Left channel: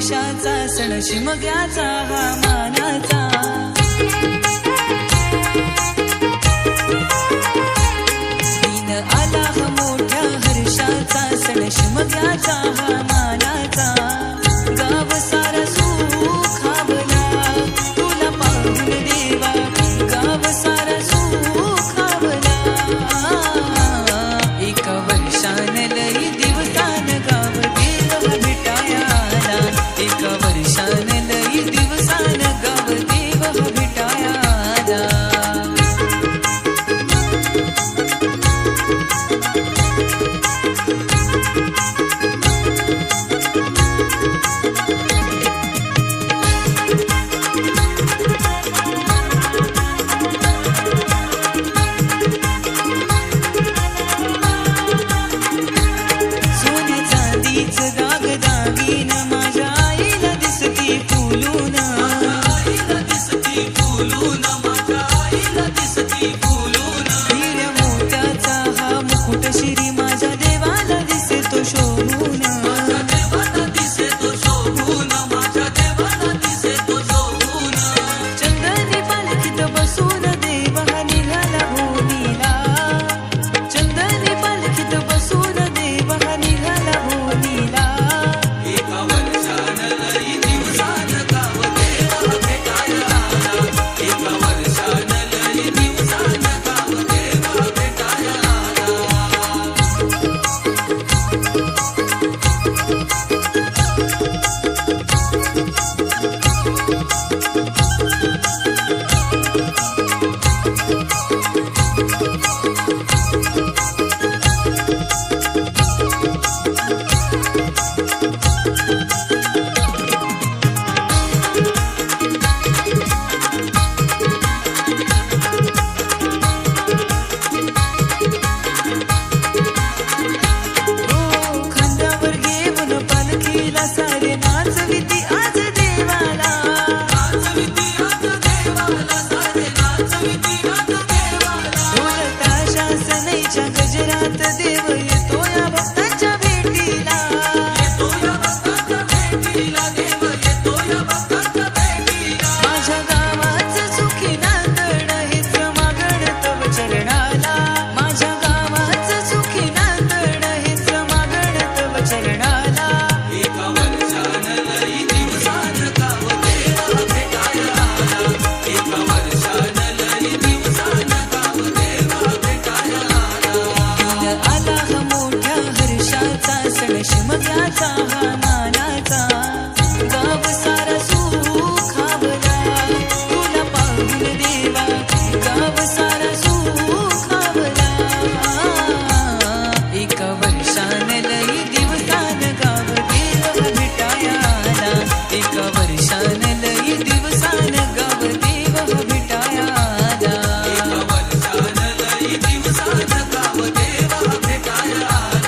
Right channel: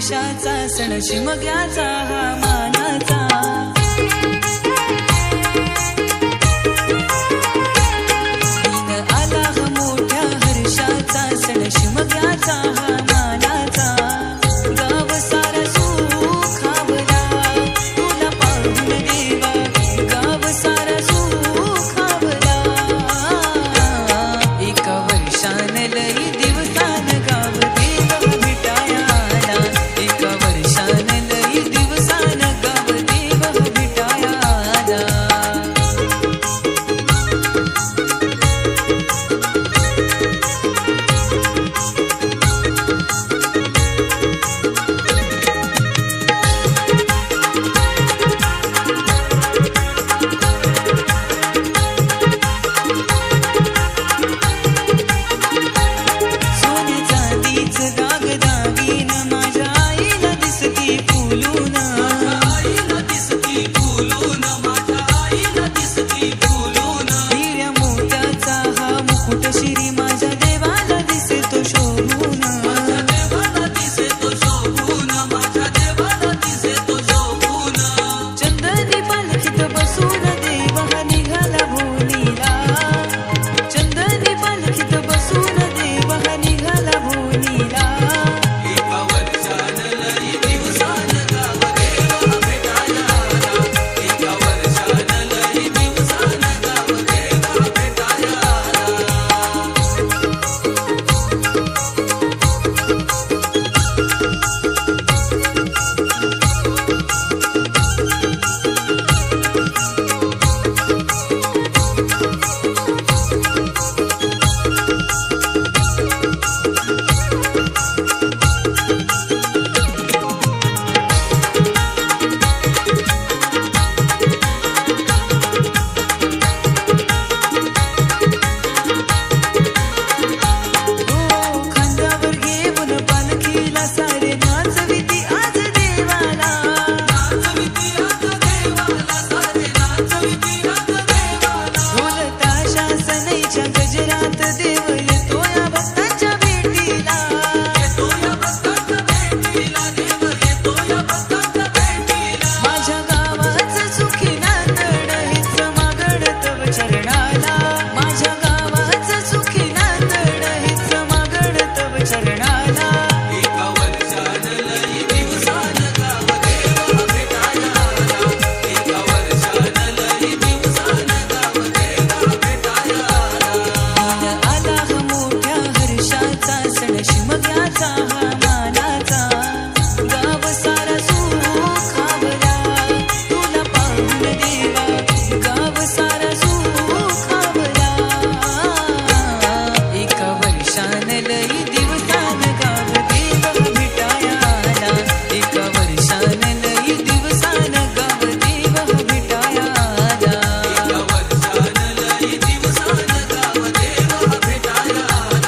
वर्षाचा सण शिमग्याचा हा मानाचा। दिन आला हा मोठ्या हर्षाचा सण शिमग्याचा हा मानाचा। गाव सारा सुखावला तुला पाहून देवा, गाव सारा सुखावला। एका वर्षान लई दिवसान गाव देव हा भेटाया आला। एका वर्षान लई दिवसान गाव देव हा भेटाया आला। दागदागिन माझ्या आईला दिसती फुलून, हिऱ्या मोत्याचा हा मुकुट शिरी माझ्या देवाला दिसतो शोभून। चंदनी पालखीत बसून देव हा निघाला भोनीला, चंदनी पालखीत बसून देव हा निघाला भोनीला। सारे नाचविती आज देवाला, ढोल ताशा सनईच्या गजरात देव येतो या भक्तांच्या भेटीला। माझ्या गावाचं सुखी नांदण हेच मागण तव चरणाला, माझ्या गावाचं सुखी नांदण हेच मागण तव चरणाला। आला हा मोठ्या हर्षाचा सण शिमग्याचा हा मानाचा। गाव सारा सुखावला तुला पाहून देवा, गाव सारा सुखावला। एका वर्षान लई दिवसान गाव देव हा भेटाया आला। एका वर्षान लई दिवसान गाव देव हा भेटाया आला। दिवसान गाव देव भेटाया आला।